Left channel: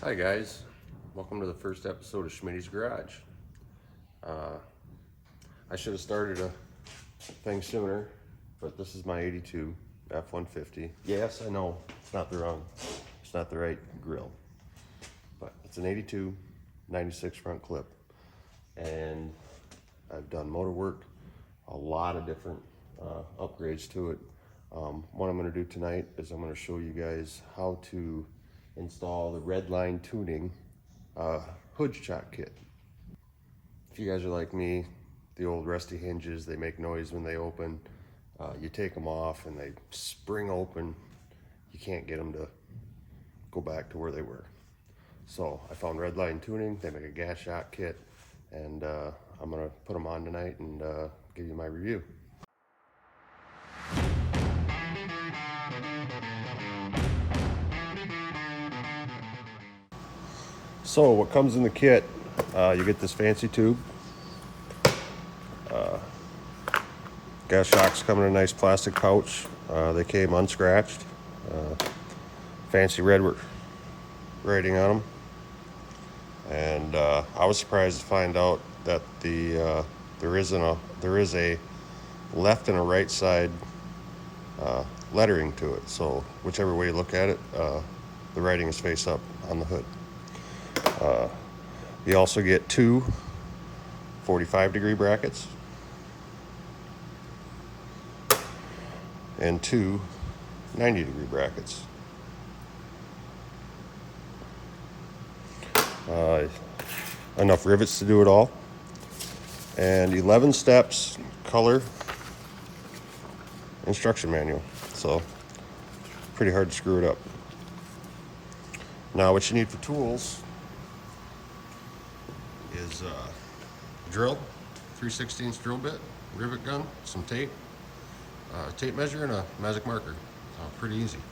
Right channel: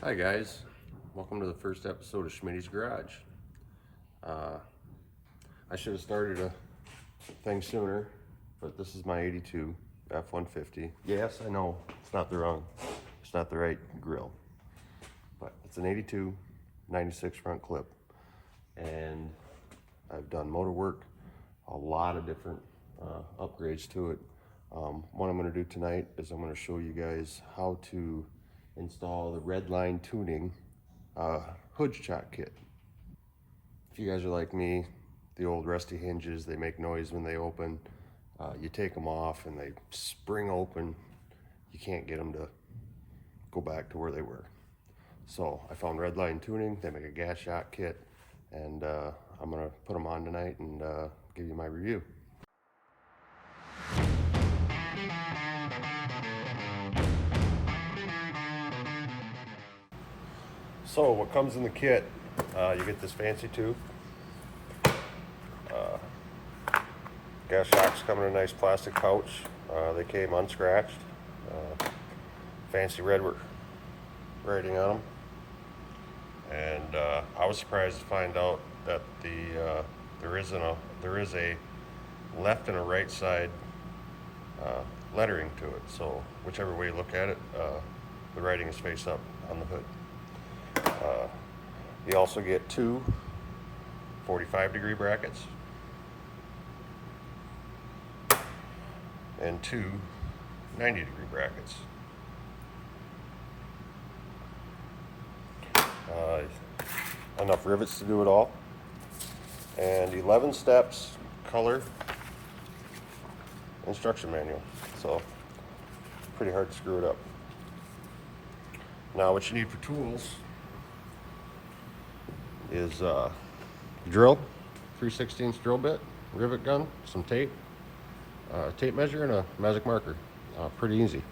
Hi guys, welcome to the first episode of Schmitty's Garage. I should have started a thing sooner, but this is my 82 F-150. Yes, I know, it's not the right grill, but it's an 82 96 front clip, and I've done motor work, a lot of different upgrades to it. What I'm going to do tonight is I'm going to show you guys how to install the Redline Tuning hood shock kit. If you guys are like me, the old rusty hinges, they make noise when they open. You take them off and they spring open. You can't get them to go back to where they were. So I found Redline Tuning. They make a gas shock kit, and I'm gonna put them on tonight and give you my review. So what comes in the kit, you get this fancy tube. Gas shocks come in a nice plastic pouch. They came unscratched. Fancy red rating on them. And I was surprised to find out that there is a left and a right side lettering to it. So whichever way you look at it, the writing is face up on the hood. You also get two 45-degree brackets and two 90-degree brackets. Enough rivets to do it all, and 11 steps color instruction manual, so pretty hard to screw it up. Now what you need for tools is drill, 3/16 drill bit, rivet gun, some tape, tape measure, and a magic marker. Pretty easy.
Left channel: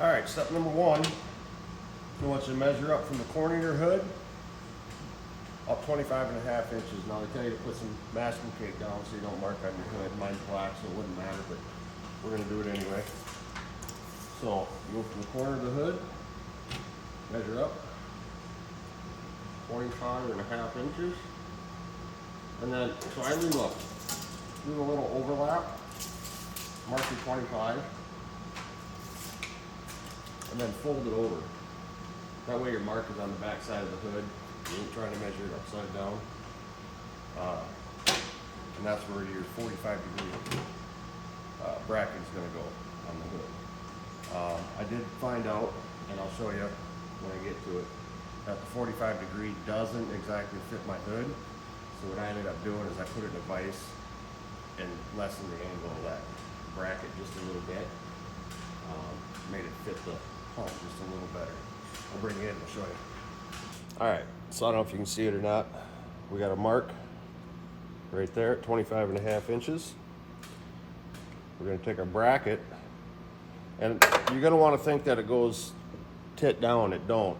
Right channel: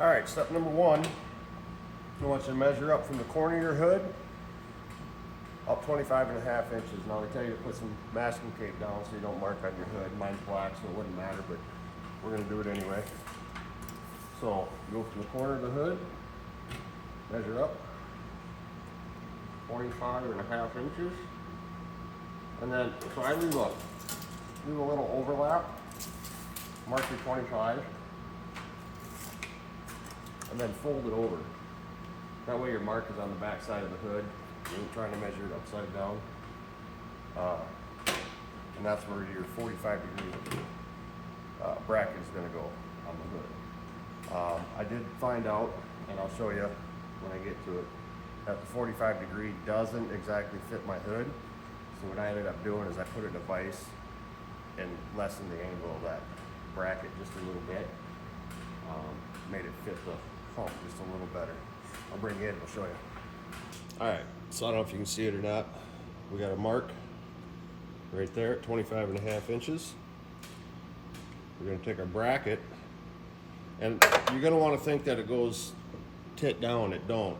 All right, step number one, I want you to measure up from the corner of your hood up 25.5 inches. Now they tell you to put some masking tape down so you don't mark on your hood. Mine's black, so it wouldn't matter, but we're gonna do it anyway. So you go from the corner of the hood, measure up 25.5 inches, and then so I leave a little overlap, mark your 25, and then fold it over. That way your mark is on the back side of the hood. You ain't trying to measure it upside down. And that's where your 45-degree bracket is going to go on the hood. I did find out, and I'll show you when I get to it, that the 45-degree doesn't exactly fit my hood. So what I ended up doing is I put it in a vise and lessened the angle of that bracket just a little bit. Made it fit the pump just a little better. I'll bring it in, I'll show you. All right, so I don't know if you can see it or not. We got a mark right there at 25.5 inches. We're gonna take our bracket, and you're gonna wanna think that it goes tit down. It don't.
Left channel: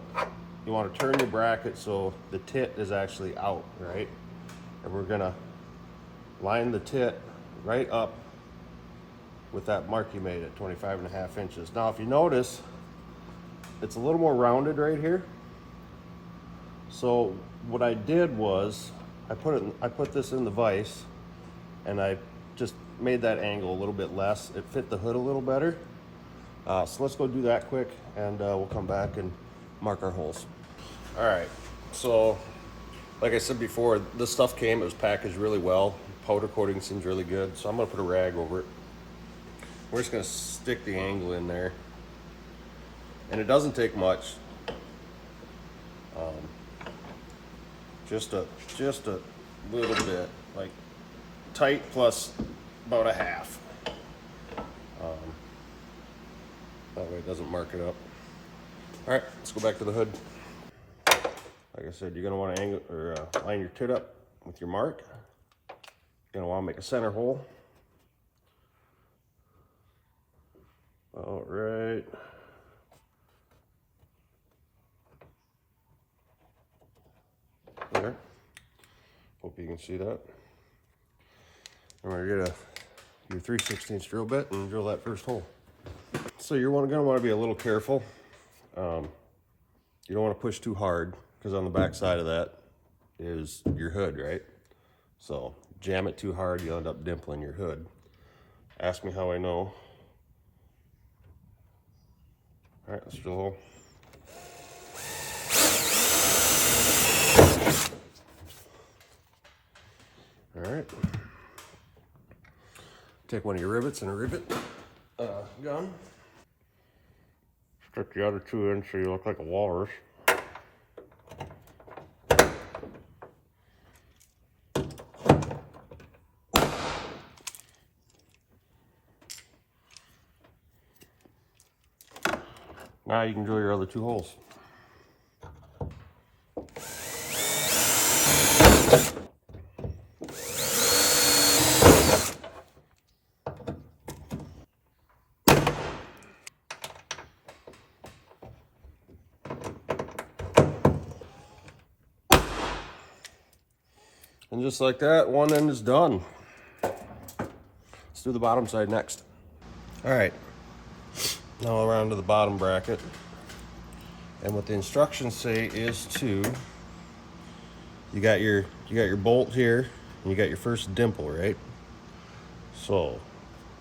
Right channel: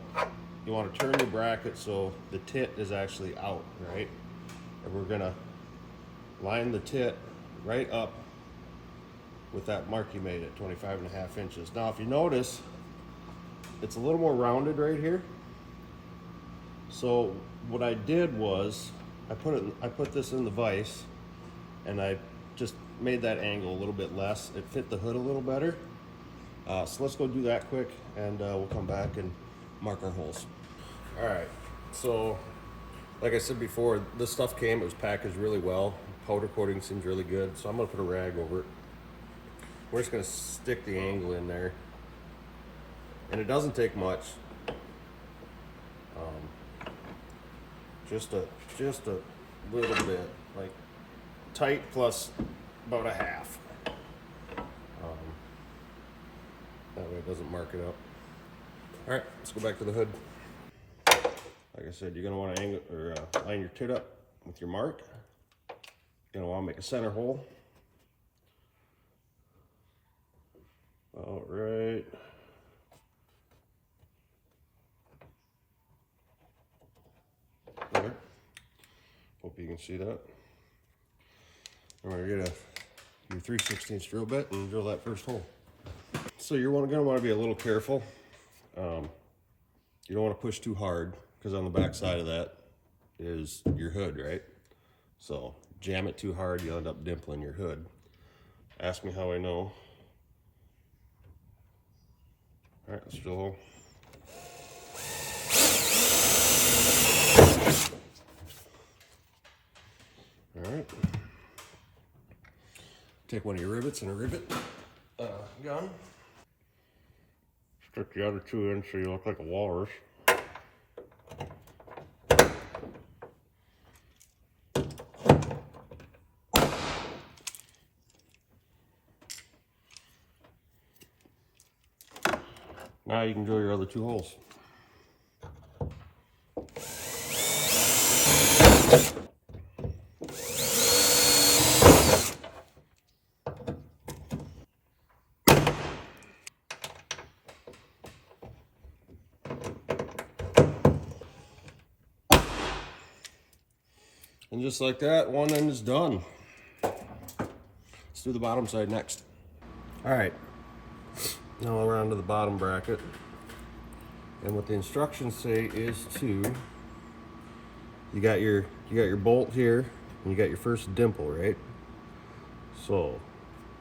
You wanna turn your bracket so the tit is actually out, right? And we're gonna line the tit right up with that mark you made at 25.5 inches. Now, if you notice, it's a little more rounded right here. So what I did was I put this in the vise, and I just made that angle a little bit less. It fit the hood a little better. So let's go do that quick, and we'll come back and mark our holes. All right, so like I said before, this stuff it was packaged really well. Powder coating seems really good, so I'm gonna put a rag over it. We're just gonna stick the angle in there, and it doesn't take much. Just a little bit, like tight plus about a half. That way it doesn't mark it up. All right, let's go back to the hood. Like I said, you're gonna want to angle or line your tit up with your mark. You're gonna want to make a center hole. All right. There. Hope you can see that. And we're gonna get your 3/16 drill bit and drill that first hole. So you're gonna want to be a little careful. you don't want to push too hard, because on the back side of that is your hood, right? So jam it too hard, you'll end up dimpling your hood. Ask me how I know. All right, let's drill a hole. All right. Take one of your rivets and a rivet gun. Stick the other two in so you look like a walrus. Now you can drill your other two holes. And just like that, one end is done. Let's do the bottom side next. All right, now we're on to the bottom bracket. And what the instructions say is to, you got your bolt here, and you got your first dimple, right? So,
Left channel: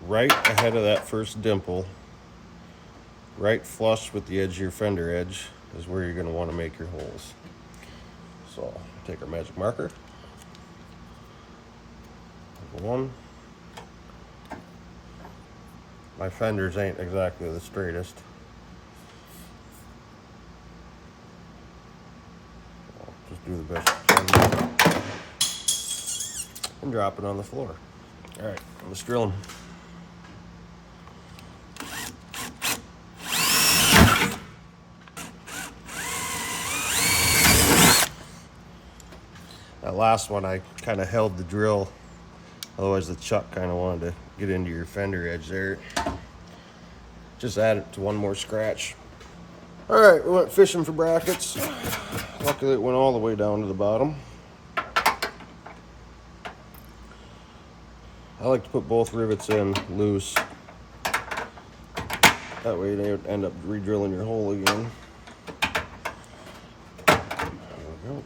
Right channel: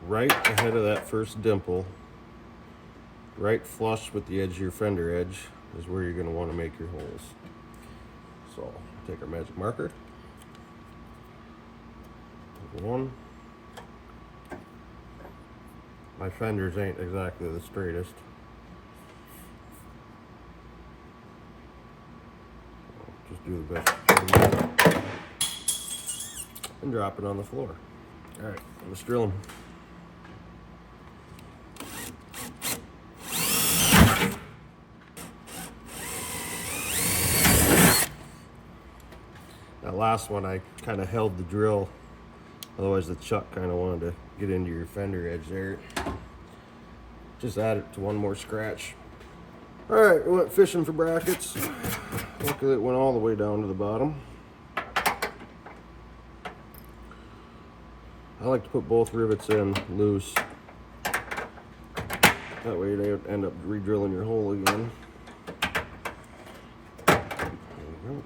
right ahead of that first dimple, right flush with the edge of your fender edge, is where you're going to want to make your holes. So, take our magic marker. One. My fenders ain't exactly the straightest. I'll just do the best I can and drop it on the floor. All right, let's drill them. That last one, I kind of held the drill. Otherwise the chuck kind of wanted to get into your fender edge there. Just add it to one more scratch. All right, we went fishing for brackets. Luckily it went all the way down to the bottom. I like to put both rivets in loose. That way they end up re-drilling your hole again. There we go.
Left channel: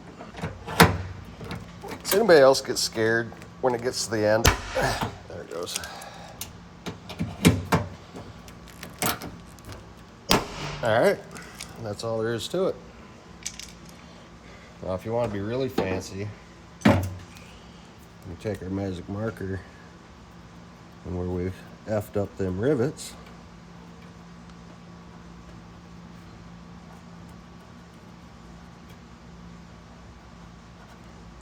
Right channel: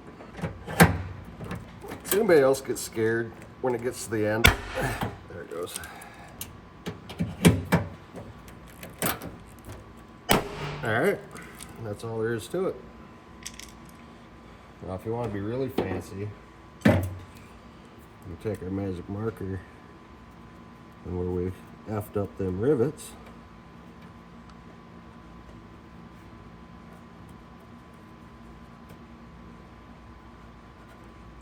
Does anybody else get scared when it gets to the end? There it goes. All right, that's all there is to it. Now, if you want to be really fancy, you take our magic marker and where we've effed up them rivets,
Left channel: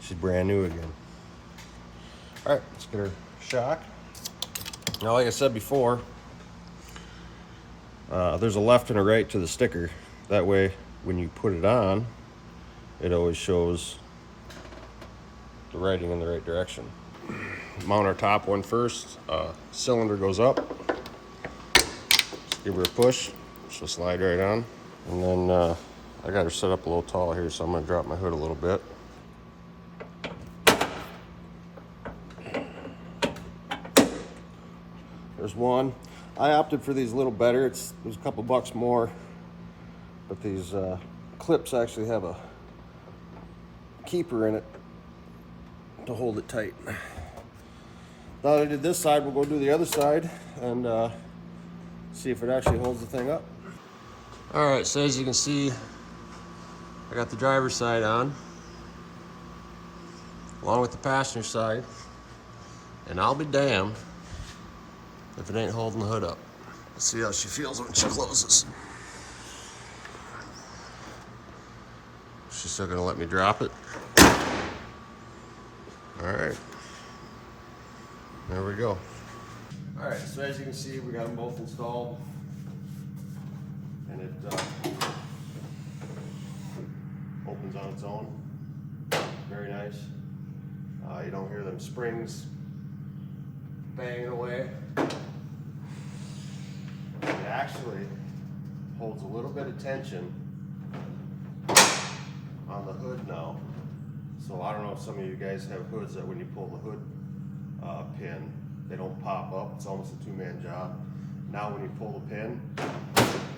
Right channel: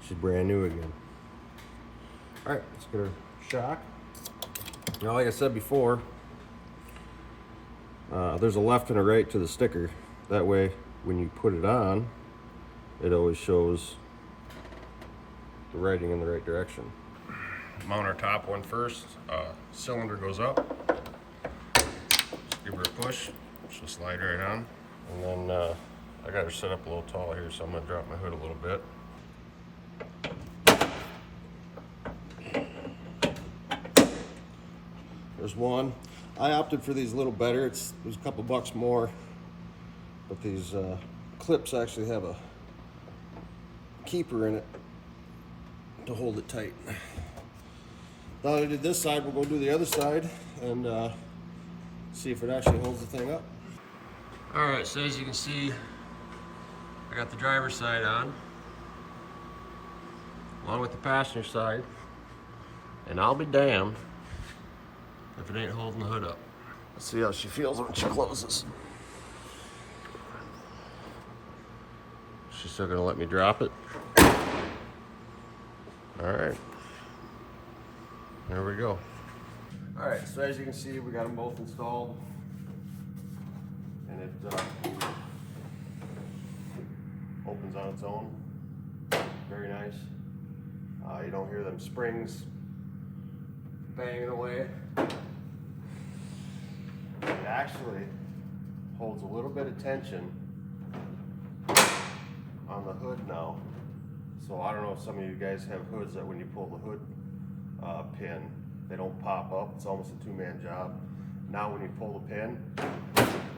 she's brand new again. All right, let's get her shock. Now, like I said before, there's a left and a right to the sticker. That way, when you put it on, it always shows the writing in the right direction. Mount our top one first. Cylinder goes up. Just give her a push. She'll slide right on. And then I got her set up a little tall here, so I'm going to drop my hood a little bit. There's one. I opted for these a little better. It was a couple bucks more, but these clips actually have a keeper in it to hold it tight. Now that I did this side, we'll go do the other side and see if it actually holds the thing up. All right, so as you can see, I got the driver's side on, along with the passenger side, and I'll be damned if it ain't holding the hood up. Let's see how she feels when she closes. She's still gonna let me drop it. All right, there we go. All right, so as you can see, we got them both installed, and it opens on its own. Very nice. You don't hear them springs banging away. It actually holds a little bit of tension on the hood now. So I don't know if some of you guys have hoods that when you pull the hood pin, they don't pop up. It's almost a two-man job. Now when you pull the pin,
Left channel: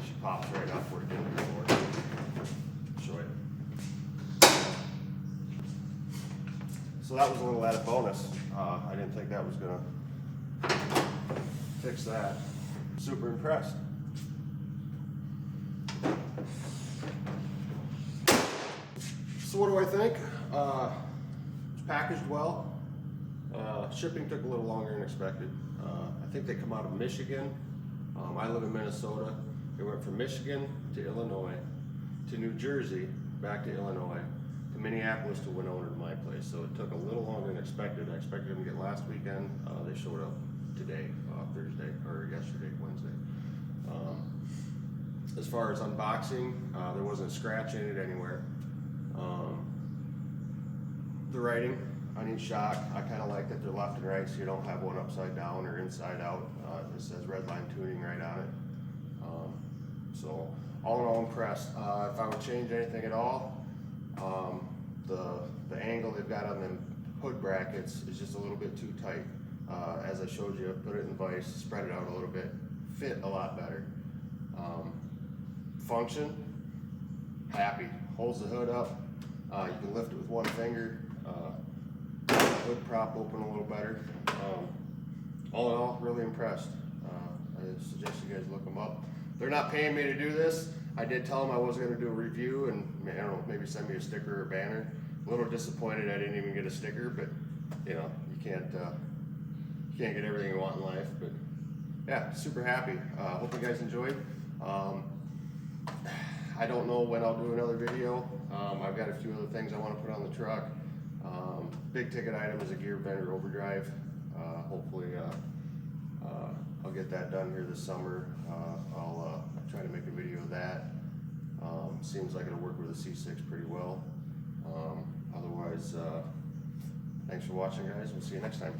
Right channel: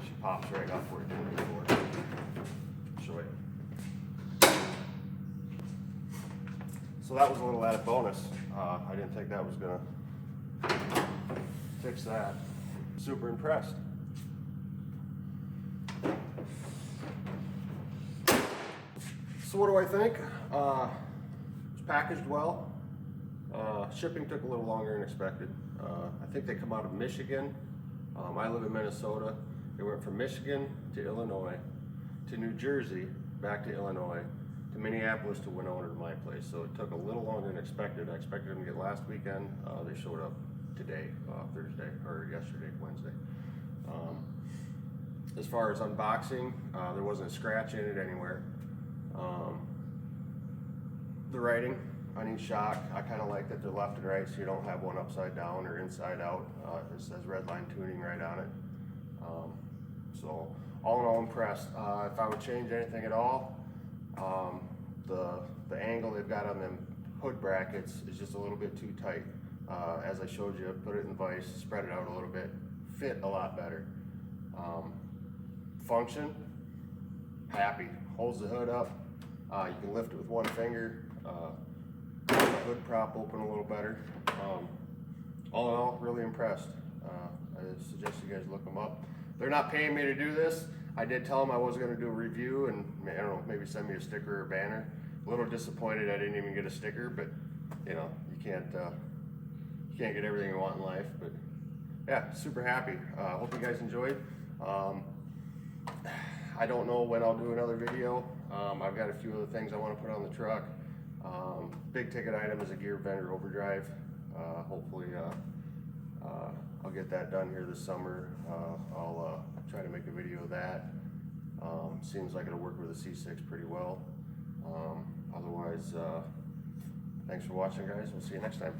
she pops right up where it didn't before. So that was a little added bonus. I didn't think that was gonna fix that. Super impressed. So what do I think? It's packaged well. Shipping took a little longer than expected. I think they come out of Michigan. I live in Minnesota. They went from Michigan to Illinois to New Jersey, back to Illinois, to Minneapolis to Winona to my place. So it took a little longer than expected. I expected them to get last weekend. They showed up today, Thursday, or yesterday, Wednesday. As far as unboxing, there wasn't a scratch in it anywhere. The writing on each shock, I kind of like that they're left and right, so you don't have one upside down or inside out. It says Redline Tuning right on it. So all in all, impressed. If I would change anything at all, the angle they've got on them hood brackets is just a little bit too tight. As I showed you, put it in the vise, spread it out a little bit, fit a lot better. Function, happy. Holds the hood up. You can lift it with one finger. The hood prop open a little better. All in all, really impressed. I suggest you guys look them up. They're not paying me to do this. I did tell them I was going to do a review and, I don't know, maybe send me a sticker or a banner. A little disappointed I didn't even get a sticker, but you know, you can't get everything you want in life. But yeah, super happy. Hope you guys enjoyed. I don't know when I'll do another video. I've got a few other things I want to put on the truck. Big ticket item is a gear bender overdrive. Hopefully I'll get that done here this summer. I'll try to make a video of that. Seems like it'll work with the C6 pretty well. Otherwise, thanks for watching, guys. We'll see you next time.